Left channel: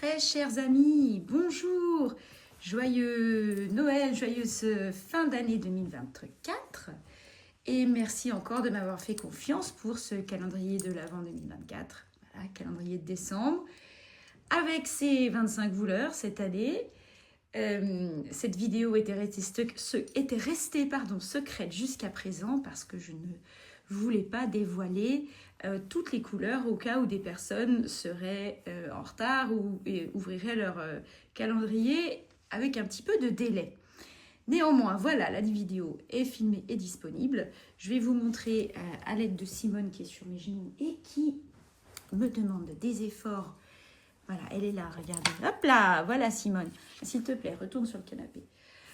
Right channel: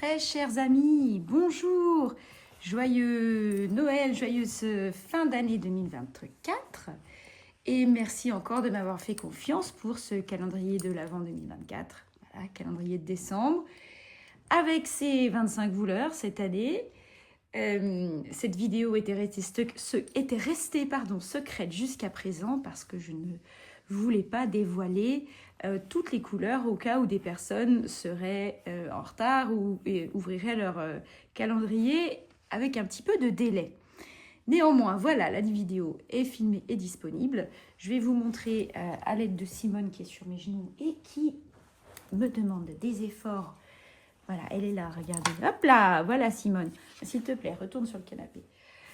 Très chers amis, bonjour, joyeux Noël, joyeuse fin d'année 2024 et merci encore de m'avoir fait confiance pour ce calendrier de l'Avent 2024, voilà, calendrier de décembre, avec ses 25 voleurs cette année. Cette vidéo était restée secrète jusqu'à présent parce que je ne voulais pas dévoiler toutes les couleurs au cas où des personnes seraient en retard ou ouvriraient leur calendrier avec un petit peu de délai. Néanmoins, voilà, la vidéo est filmée et disponible. Je vais vous montrer à l'aide de Simone qui est sur mes genoux et qui me demande des efforts. Voilà, elle est là, regardez. Hop là, voilà Simone. S'il te plaît, retourne sur le canapé.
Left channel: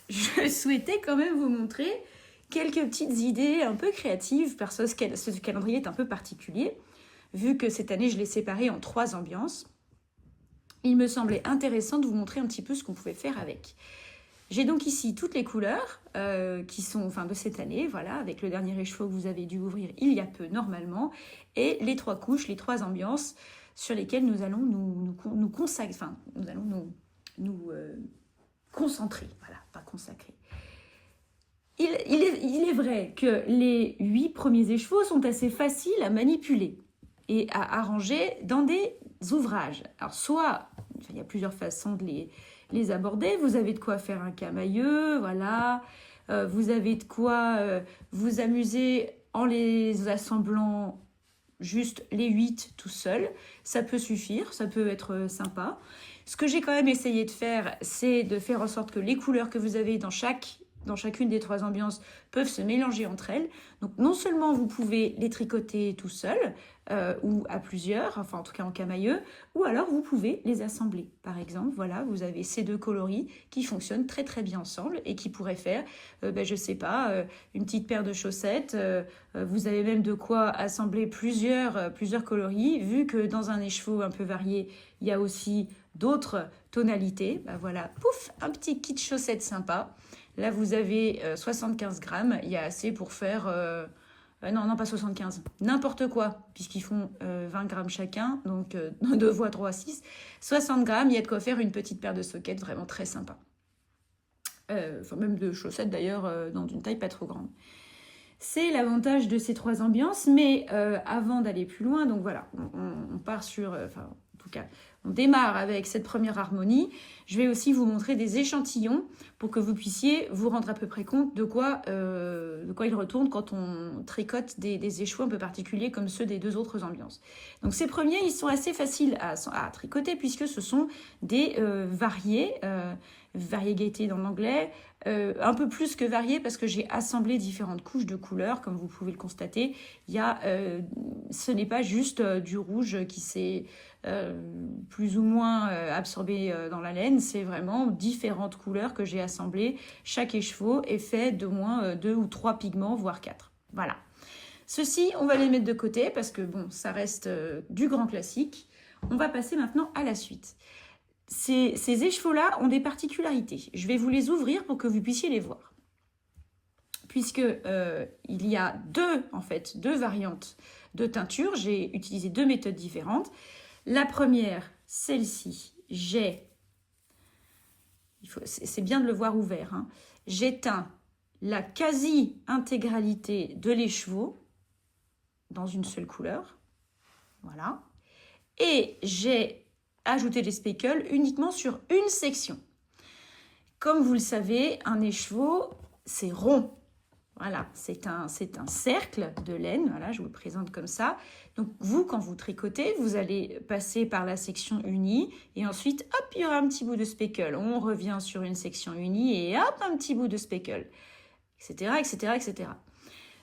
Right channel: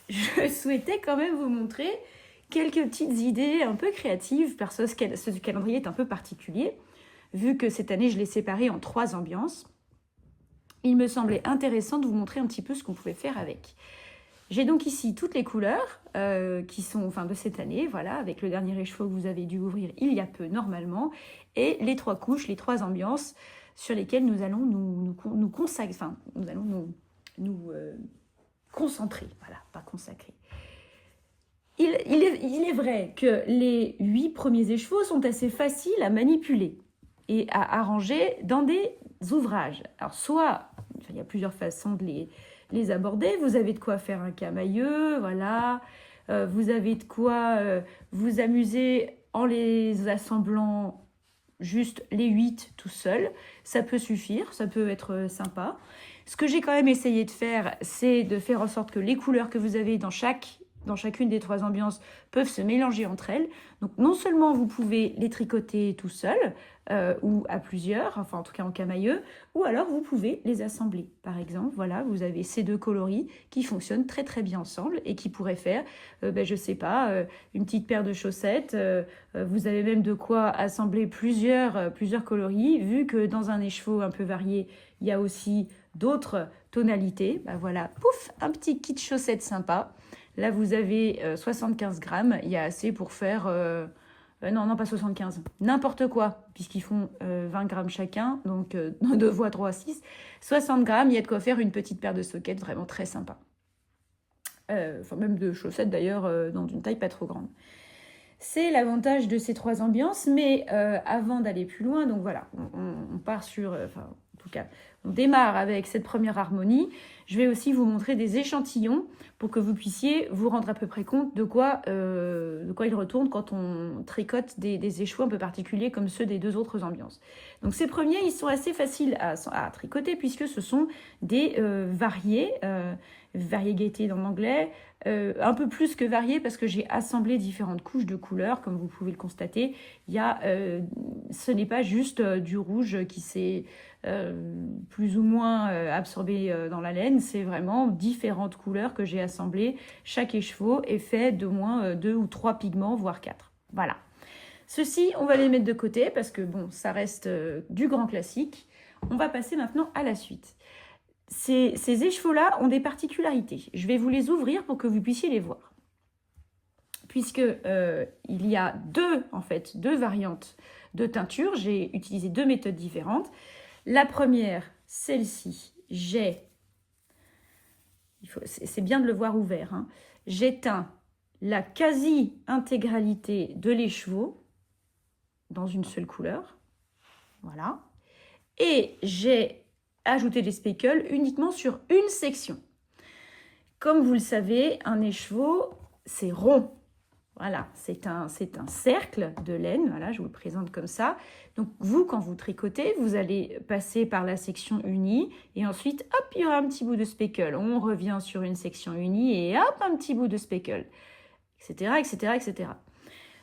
Je souhaitais quand même vous montrer quelques petites idées un peu créatives, parce que ce calendrier est un peu particulier, vu que cette année, je l'ai séparé en 3 ambiances. Il me semblait intéressant de vous montrer un petit peu ce qu'on pouvait faire avec. J'ai donc ici toutes les couleurs qui sont de cette année, voilà, avec le dernier écheveau que vous avez dû ouvrir il y a peu normalement, et les 3 couches, les 3 ambiances sur lesquelles nous allons nous consacrer, nous allons nous concentrer, voilà, pas consacrer. Il est vrai que les 8 premiers écheveaux sont assez faciles à manipuler et à arranger dans des ouvrages. Alors soit, il y a plusieurs façons de les aborder. Vous avez de quoi faire un camailleux, voilà. Vous avez de quoi vous amuser en les assemblant juste les 8 tout seul. Ça peut suffire, ça peut être sympa. Ce que j'ai quand même essayé de faire, c'est de faire en sorte que les couleurs que vous avez dans chacune des 3 ambiances peuvent se mélanger entre elles. Donc non seulement vous pouvez les tricoter tout seul ou à plusieurs, enfin en tout cas en camailleux, ou alors vous pouvez les assembler. Par exemple, voilà, vous avez ces 2 coloris qui fonctionnent très très bien ensemble et qui pourraient faire, je sais pas, une petite paire de chaussettes. Vous avez même de quoi assembler plusieurs coloris, vu que dans un écheveau un peu varié, il y a aussi d'autres tonalités. Voilà, pouf, un petit kit chaussettes sympa. Là, vous avez 75 grammes. Il y a assez pour faire... non, pas 75. N'importe quoi, puisqu'ils font 20 grammes chacun. Donc, 2 fois 3, 6. 60 grammes, il y a de quoi faire une petite paire de sockets vraiment très sympa. Même de chaussettes, d'ailleurs, dans une taille pas trop grande. C'est l'avantage de ces 3 ambiances. Mais avant d'aller plus loin, donc voilà, on part sur... en tout cas, on démarre avec cette première harmonie. Je vais aussi vous montrer des échantillons pour que vous puissiez vous rendre à peu près compte de quoi il retourne quand on tricote des écheveaux un peu particuliers comme ceux des 2 autres ambiances. Donc ces premiers, ils sont assez faciles à tricoter puisque ce sont des variegate dans l'anglais, un peu plus que variés parce que j'ai assemblé différentes couches de couleurs, comme vous pouvez le constater. Ce n'est pas juste du rouge qui s'est plus ou moins absorbé dans la laine, c'est vraiment différentes couleurs que j'ai assemblées. Chaque écheveau est fait d'au moins 2 ou 3 pigments, voire 4. Voilà. Ceux-ci, on va les mettre de côté parce que bon, ça reste du grand classique. On va passer maintenant à la suite. Ces écheveaux-là ont des particularités. Je vais vous les ouvrir pour que vous puissiez les voir. Puisque il y a 2 variantes de teinture. J'ai utilisé 2 méthodes différentes. La première, celle-ci, c'est bien de le voir ouvert, hein. J'ai teint la quasi-intégralité de l'écheveau dans une seule couleur. Voilà. Et j'ai ajouté des speckles uniquement sur une section. Comme vous le savez, un écheveau, c'est rond. Voilà, c'est un cercle de laine. Voilà, je vous le présente comme ça. Donc, vous, quand vous tricotez, vous allez passer par la section unie. Et ensuite, hop, il y aura un petit bout de speckle. On revient sur une section unie et hop, un petit bout de speckle, etc., etc., etc.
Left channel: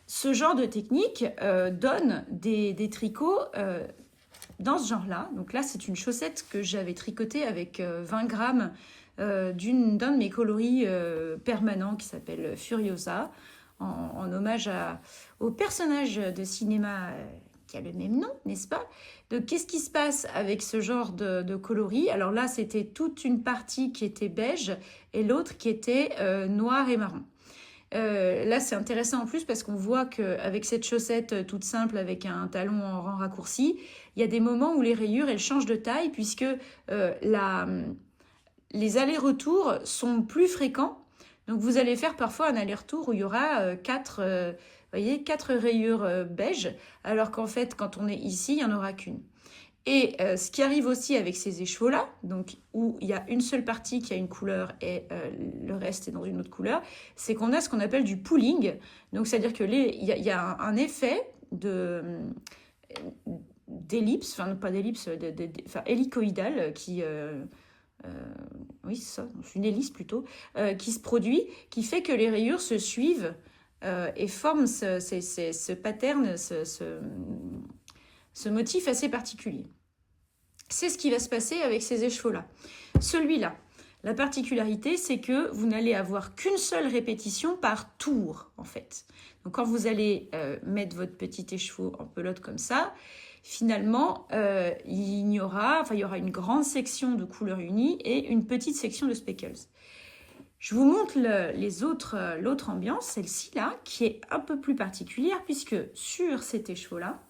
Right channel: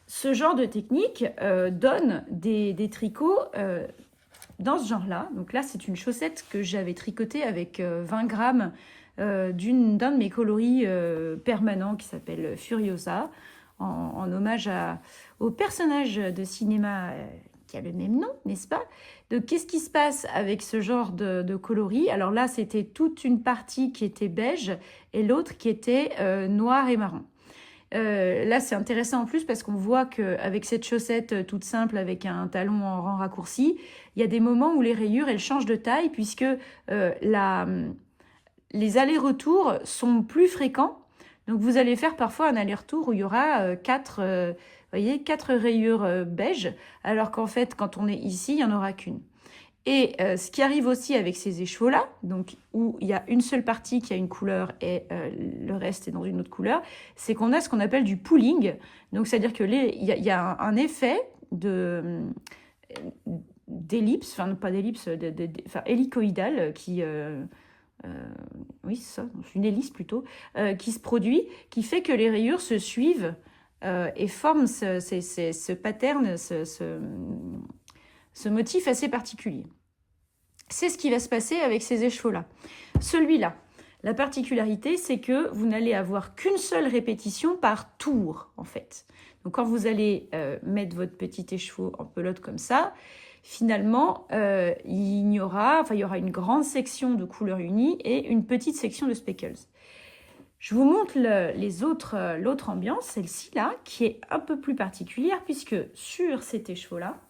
Ce genre de technique donne des tricots dans ce genre-là. Donc là, c'est une chaussette que j'avais tricotée avec 20 grammes d'un de mes coloris permanents qui s'appelle Furiosa, en hommage au personnage de cinéma qui a le même nom, n'est-ce pas? Donc, qu'est-ce qui se passe avec ce genre de coloris? Alors là, c'était toute une partie qui était beige et l'autre qui était noir et marron. Là, c'est intéressant en plus parce qu'on voit qu'avec cette chaussette toute simple avec un talon en rang raccourci, il y a des moments où les rayures, elles changent de taille puisque les allers-retours sont plus fréquents. Donc, vous allez faire parfois un aller-retour où il y aura 4 rayures beige, alors qu'en fait, quand on est ici, il n'y en aura qu'une. Et ce qui arrive aussi avec ces écheveaux-là, donc où il y a une seule partie qui a une couleur et le reste est dans une autre couleur, c'est qu'on a ce qu'on appelle du pooling. Donc, c'est-à-dire qu'il y a un effet d'ellipse, enfin pas d'ellipse, hélicoïdale qui... oui, c'est ça, c'est une hélice plutôt, qui se produit, qui fait que les rayures se suivent et forment ce pattern, ce motif assez particulier. C'est ce qui va se passer avec ces écheveaux-là. Celui-là, la particularité, c'est que vous n'allez avoir qu'une seule répétition par tour, en fait. Donc, quand vous allez mettre votre petit écheveau en pelote comme ça, finalement, il y aura une grande section de couleur unie et une petite section de speckles. Je vous montre l'autre ambiance, celle-ci là, qui est un peu plus particulière, puisque sur cet écheveau-là,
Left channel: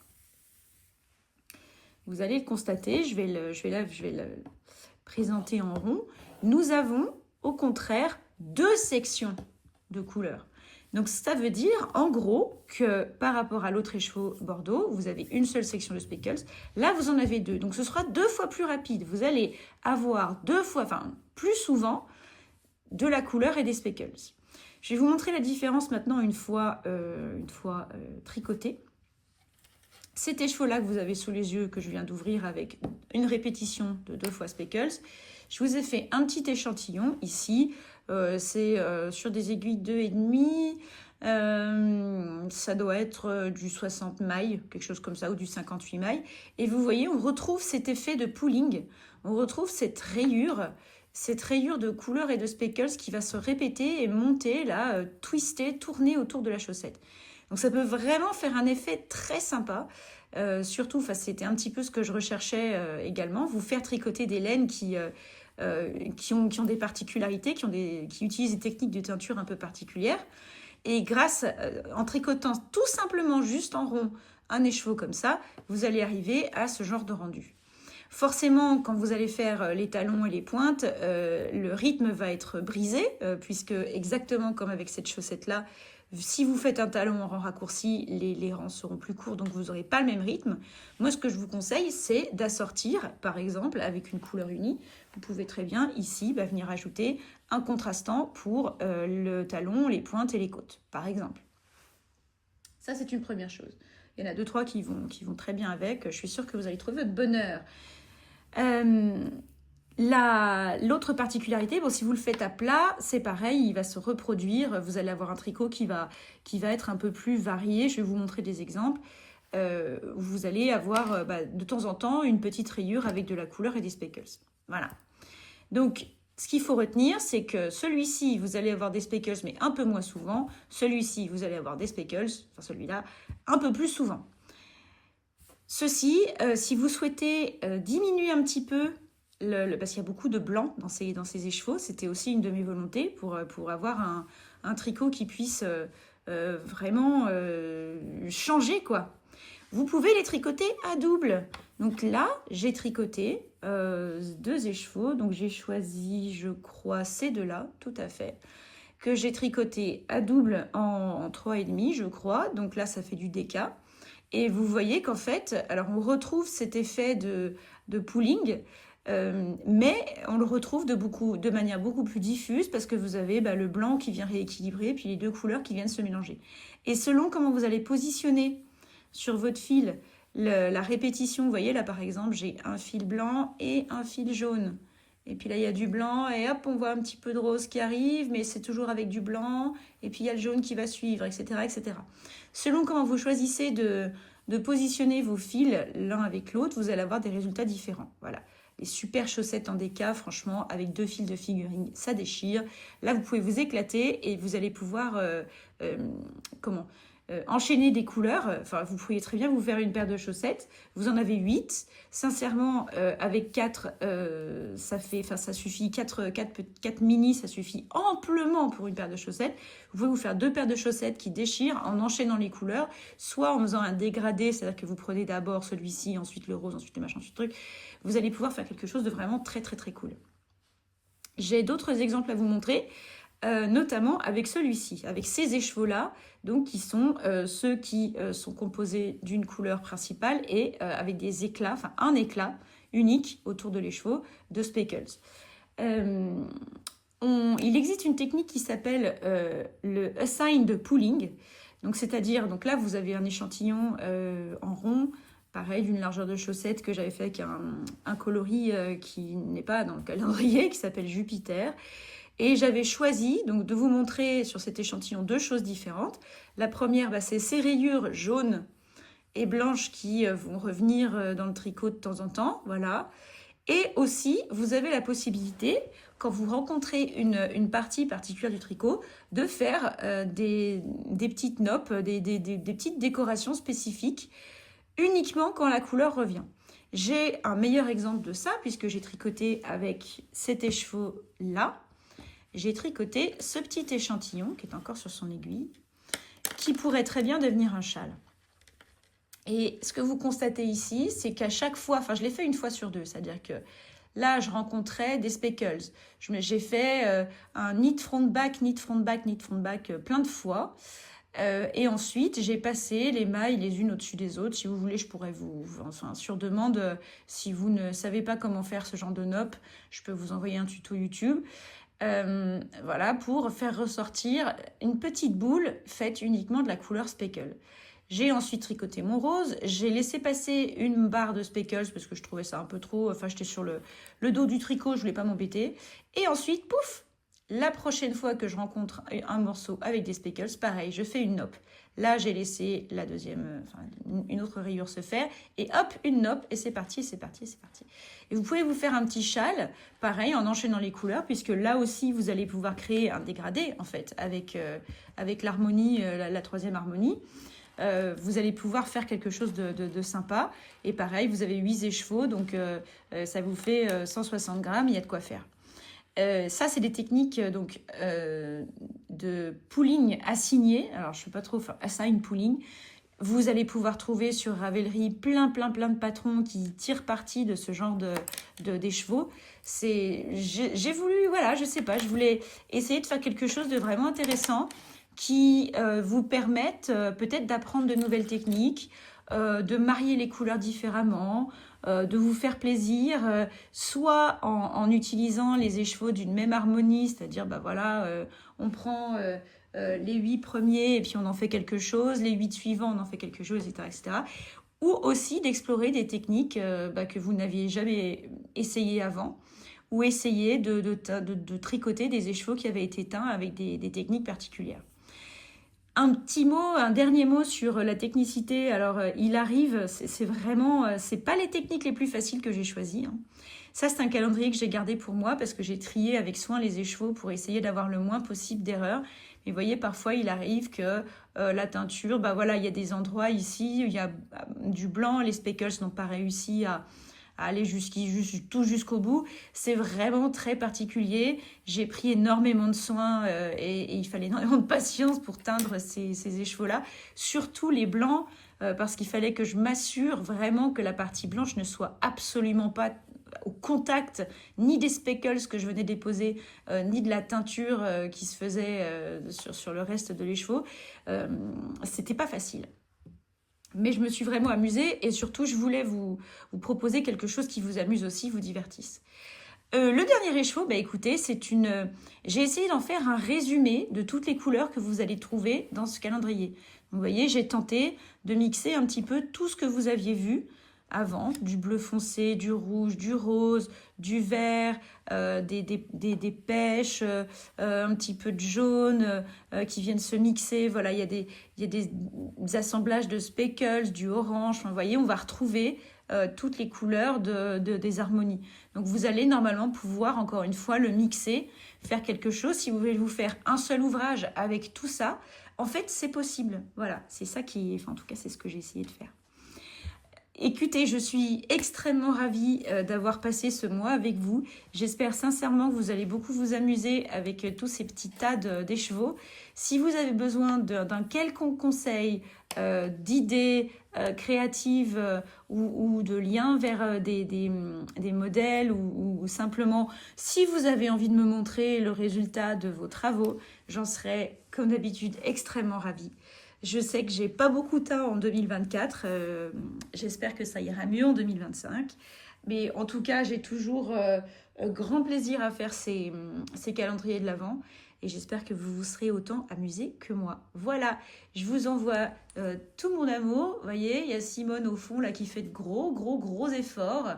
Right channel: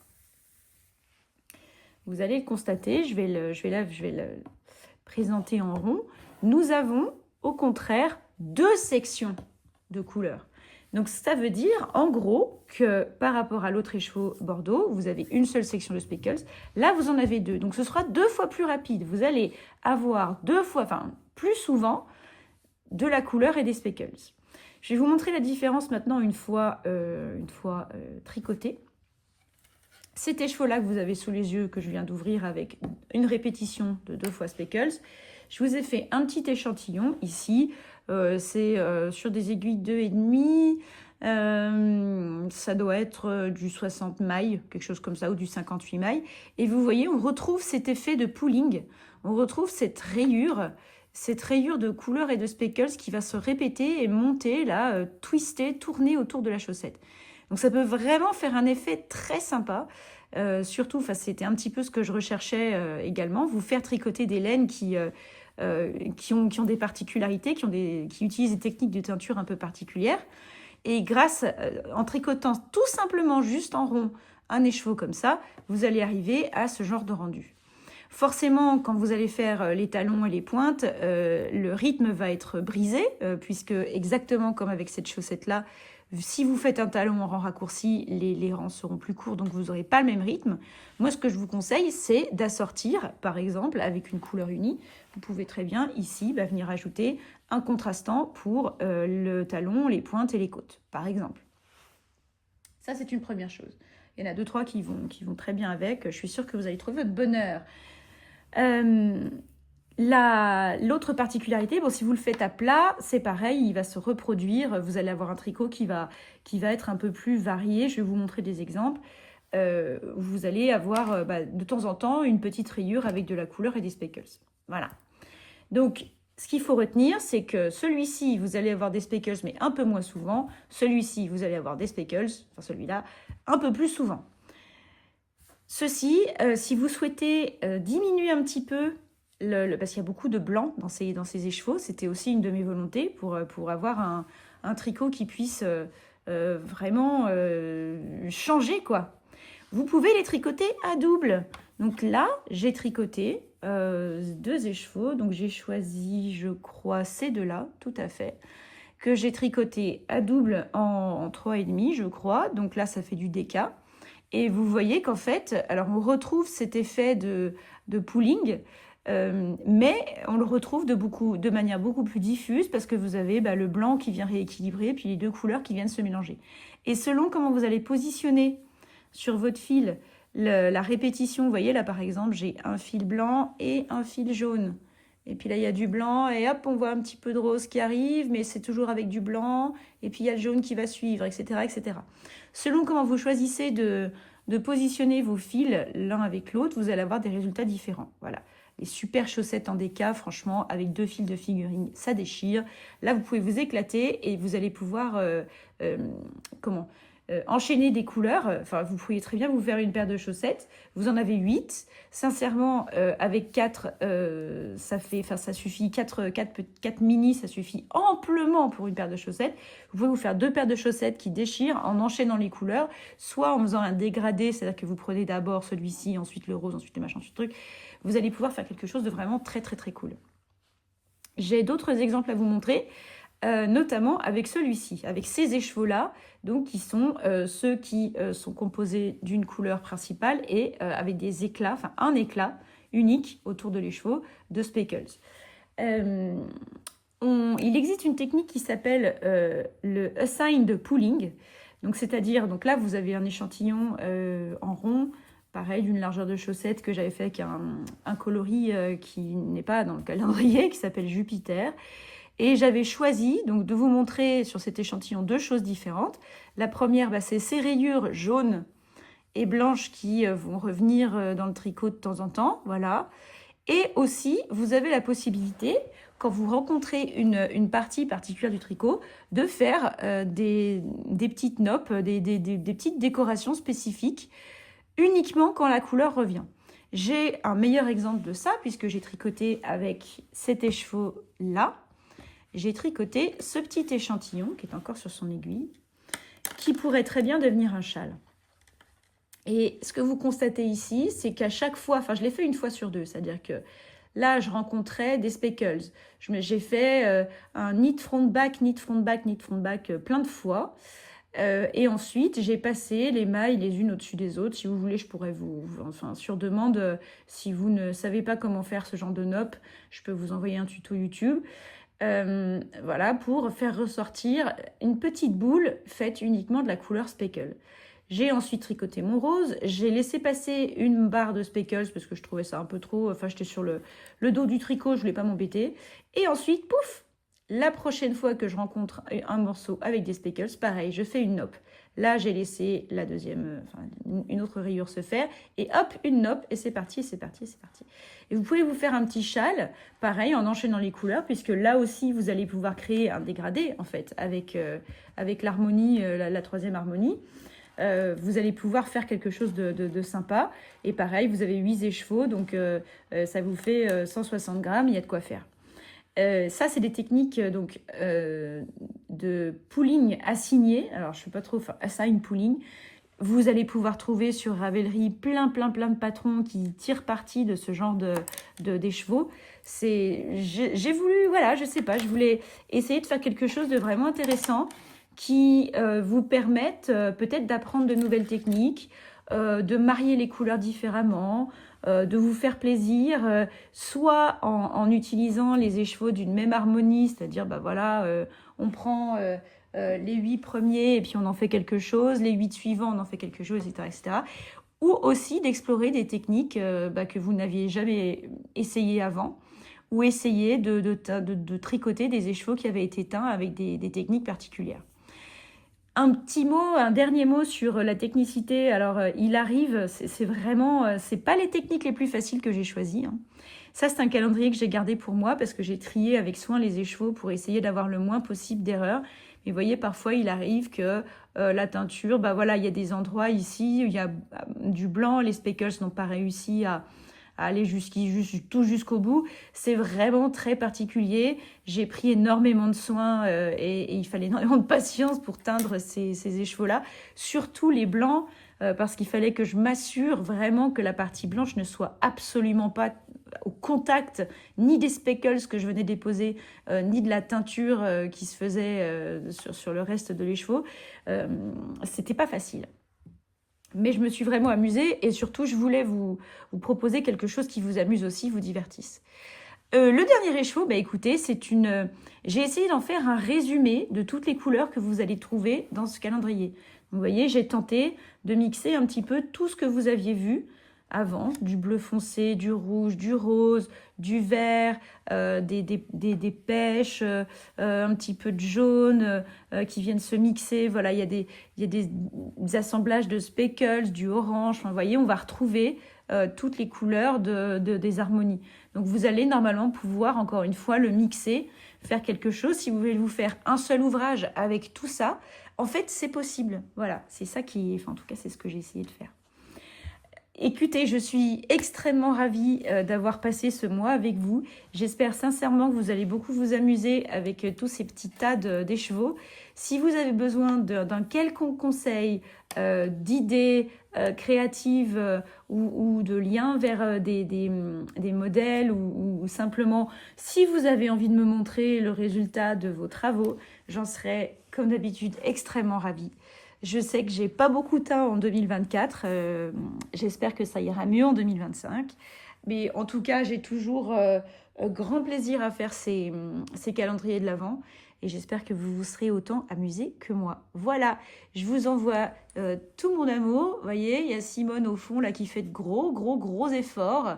vous allez le constater, je vais le présenter en rond. Nous avons au contraire 2 sections de couleurs. Donc ça veut dire en gros que par rapport à l'autre écheveau Bordeaux, vous avez une seule section de speckles. Là, vous en avez 2. Donc ce sera 2 fois plus rapide. Vous allez avoir plus souvent de la couleur et des speckles. Je vais vous montrer la différence maintenant une fois tricoté. Cet écheveau-là que vous avez sous les yeux, que je viens d'ouvrir avec une répétition de 2 fois speckles, je vous ai fait un petit échantillon ici. C'est sur des aiguilles 2,5. Ça doit être du 60 mailles, quelque chose comme ça, ou du 58 mailles. Et vous voyez, on retrouve cet effet de pooling. On retrouve cette rayure de couleur et de speckles qui va se répéter et monter, là, twister, tourner autour de la chaussette. Donc ça peut vraiment faire un effet très sympa. Surtout, c'était un petit peu ce que je recherchais également, vous faire tricoter des laines qui ont des particularités, qui utilisent des techniques de teinture un peu particulières. Et en tricotant tout simplement juste en rond un écheveau comme ça, vous allez arriver à ce genre de rendu. Forcément, quand vous allez faire les talons et les pointes, le rythme va être brisé, puisque exactement comme avec cette chaussette-là, si vous faites un talon en rang raccourci, les rangs seront plus courts, donc vous n'aurez pas le même rythme. Moi, ce que je vous conseille, c'est d'assortir, par exemple, avec une couleur unie. Vous pouvez très bien, ici, venir ajouter un contrastant pour le talon, les pointes et les côtes, par exemple. Ça, c'est une première chose. Il y en a 2-3 qui vont très bien avec. Je suis sûre que vous allez trouver votre bonheur. L'autre particularité, si vous le faites à plat, c'est pareil, il va se reproduire. Vous allez avoir un tricot qui va être un peu plus varié. Je vais vous montrer des exemples. Vous allez avoir de temps en temps une petite rayure avec de la couleur et des speckles. Voilà. Donc, ce qu'il faut retenir, c'est que celui-ci, vous allez avoir des speckles, mais un peu moins souvent. Celui-ci, vous allez avoir des speckles, celui-là, un peu plus souvent. Ceci, si vous souhaitez diminuer un petit peu, parce qu'il y a beaucoup de blanc dans ces écheveaux, c'était aussi une de mes volontés pour avoir un tricot qui puisse vraiment changer, quoi. Vous pouvez les tricoter à double. Donc là, j'ai tricoté 2 écheveaux. Donc j'ai choisi, je crois, ces 2-là, tout à fait, que j'ai tricoté à double en 3,5, je crois. Donc là, ça fait du déca. Et vous voyez qu'en fait, alors on retrouve cet effet de pooling, mais on le retrouve de manière beaucoup plus diffuse parce que vous avez le blanc qui vient rééquilibrer, puis les 2 couleurs qui viennent se mélanger. Et selon comment vous allez positionner sur votre fil la répétition, vous voyez là par exemple, j'ai un fil blanc et un fil jaune. Et puis là, il y a du blanc et hop, on voit un petit peu de rose qui arrive, mais c'est toujours avec du blanc. Et puis, il y a le jaune qui va suivre, etc., etc. Selon comment vous choisissez de positionner vos fils l'un avec l'autre, vous allez avoir des résultats différents. Voilà. Les super chaussettes en déca, franchement, avec 2 fils de figurine, ça déchire. Là, vous pouvez vous éclater et vous allez pouvoir enchaîner des couleurs. Enfin, vous pourriez très bien vous faire une paire de chaussettes. Vous en avez 8. Sincèrement, avec 4, ça suffit. 4 mini, ça suffit amplement pour une paire de chaussettes. Vous pouvez vous faire 2 paires de chaussettes qui déchirent en enchaînant les couleurs, soit en faisant un dégradé, c'est-à-dire que vous prenez d'abord celui-ci, ensuite le rose, ensuite le machin, ensuite le truc. Vous allez pouvoir faire quelque chose de vraiment très, très, très cool. J'ai d'autres exemples à vous montrer. Notamment avec celui-ci, avec ces écheveaux-là, donc qui sont ceux qui sont composés d'une couleur principale et avec des éclats, enfin un éclat unique autour de l'écheveau de speckles. Il existe une technique qui s'appelle le assigned pooling, donc c'est-à-dire, donc là vous avez un échantillon en rond, pareil d'une largeur de chaussette que j'avais fait avec un coloris qui n'est pas dans le calendrier, qui s'appelle Jupiter. Et j'avais choisi donc de vous montrer sur cet échantillon 2 choses différentes. La première, c'est ces rayures jaunes et blanches qui vont revenir dans le tricot de temps en temps. Voilà. Et aussi, vous avez la possibilité, quand vous rencontrez une partie particulière du tricot, de faire des petites noppes, des petites décorations spécifiques, uniquement quand la couleur revient. J'ai un meilleur exemple de ça, puisque j'ai tricoté avec cet écheveau-là. J'ai tricoté ce petit échantillon qui est encore sur son aiguille, qui pourrait très bien devenir un châle. Et ce que vous constatez ici, c'est qu'à chaque fois, enfin je l'ai fait une fois sur 2, c'est-à-dire que là je rencontrais des speckles. J'ai fait un knit front back, knit front back, knit front back plein de fois. Et ensuite j'ai passé les mailles les unes au-dessus des autres. Si vous voulez, je pourrais enfin sur demande, si vous ne savez pas comment faire ce genre de nopp, je peux vous envoyer un tuto YouTube. Voilà, pour faire ressortir une petite boule faite uniquement de la couleur speckle. J'ai ensuite tricoté mon rose, j'ai laissé passer une barre de speckles parce que je trouvais ça un peu trop, enfin j'étais sur le dos du tricot, je voulais pas m'embêter. Et ensuite, pouf, la prochaine fois que je rencontre un morceau avec des speckles, pareil, je fais une nopp. Là, j'ai laissé la deuxième, une autre rayure se faire, et hop, une nopp, et c'est parti, c'est parti, c'est parti. Et vous pouvez vous faire un petit châle, pareil, en enchaînant les couleurs, puisque là aussi, vous allez pouvoir créer un dégradé, en fait, avec l'harmonie, la troisième harmonie. Vous allez pouvoir faire quelque chose de sympa. Et pareil, vous avez 8 écheveaux, donc ça vous fait 160 grammes, il y a de quoi faire. Ça, c'est des techniques de pooling assigné. Alors, je ne sais pas trop, assign pooling. Vous allez pouvoir trouver sur Ravelry plein de patrons qui tirent parti de ce genre d'écheveaux. J'ai voulu, voilà, je sais pas, je voulais essayer de faire quelque chose de vraiment intéressant qui vous permette peut-être d'apprendre de nouvelles techniques, de marier les couleurs différemment, de vous faire plaisir, soit en utilisant les écheveaux d'une même harmonie, c'est-à-dire, on prend les 8 premiers et puis on en fait quelque chose, les 8 suivants on en fait quelque chose, etc. etc. Ou aussi d'explorer des techniques que vous n'aviez jamais essayé avant, ou essayer de tricoter des écheveaux qui avaient été teints avec des techniques particulières. Un dernier mot sur la technicité. Alors, il arrive, c'est pas les techniques les plus faciles que j'ai choisies. Hein. Ça, c'est un calendrier que j'ai gardé pour moi parce que j'ai trié avec soin les écheveaux pour essayer d'avoir le moins possible d'erreurs. Mais vous voyez, parfois, il arrive que la teinture, il y a des endroits ici, il y a du blanc, les speckles n'ont pas réussi à aller tout jusqu'au bout. C'est vraiment très particulier. J'ai pris énormément de soin et il fallait énormément de patience pour teindre ces écheveaux-là. Surtout les blancs, parce qu'il fallait que je m'assure vraiment que la partie blanche ne soit absolument pas au contact ni des speckles que je venais déposer, ni de la teinture qui se faisait sur le reste de l'écheveau. C'était pas facile. Mais je me suis vraiment amusée et surtout, je voulais vous proposer quelque chose qui vous amuse aussi, vous divertisse. Le dernier écheveau, écoutez, j'ai essayé d'en faire un résumé de toutes les couleurs que vous allez trouver dans ce calendrier. Vous voyez, j'ai tenté de mixer un petit peu tout ce que vous aviez vu avant, du bleu foncé, du rouge, du rose, du vert, des pêches, un petit peu de jaune qui viennent se mixer. Voilà, il y a des assemblages de speckles, du orange. Vous voyez, on va retrouver toutes les couleurs des harmonies. Donc, vous allez normalement pouvoir, encore une fois, le mixer, faire quelque chose. Si vous voulez vous faire un seul ouvrage avec tout ça, en fait, c'est possible. Voilà, c'est ça qui est... Enfin, en tout cas, c'est ce que j'ai essayé de faire. Écoutez, je suis extrêmement ravie d'avoir passé ce mois avec vous. J'espère sincèrement que vous allez beaucoup vous amuser avec tous ces petits tas d'écheveaux. Si vous avez besoin d'un quelconque conseil, d'idées créatives ou de liens vers des modèles ou simplement si vous avez envie de me montrer le résultat de vos travaux, j'en serai comme d'habitude extrêmement ravie. Je sais que j'ai pas beaucoup de temps en 2024. J'espère que ça ira mieux en 2025. Mais en tout cas, j'ai toujours grand plaisir à faire ces calendriers de l'Avent. Et j'espère que vous vous serez autant amusés que moi. Voilà, je vous envoie tout mon amour. Vous voyez, il y a Simone au fond là qui fait de gros efforts.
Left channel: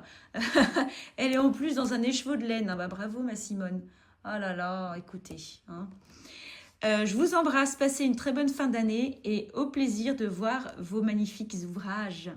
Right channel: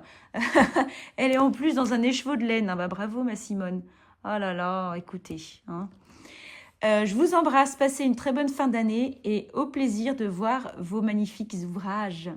Elle est en plus dans un écheveau de laine. Ah bah, bravo ma Simone. Oh là là, écoutez, hein. Je vous embrasse, passez une très bonne fin d'année et au plaisir de voir vos magnifiques ouvrages.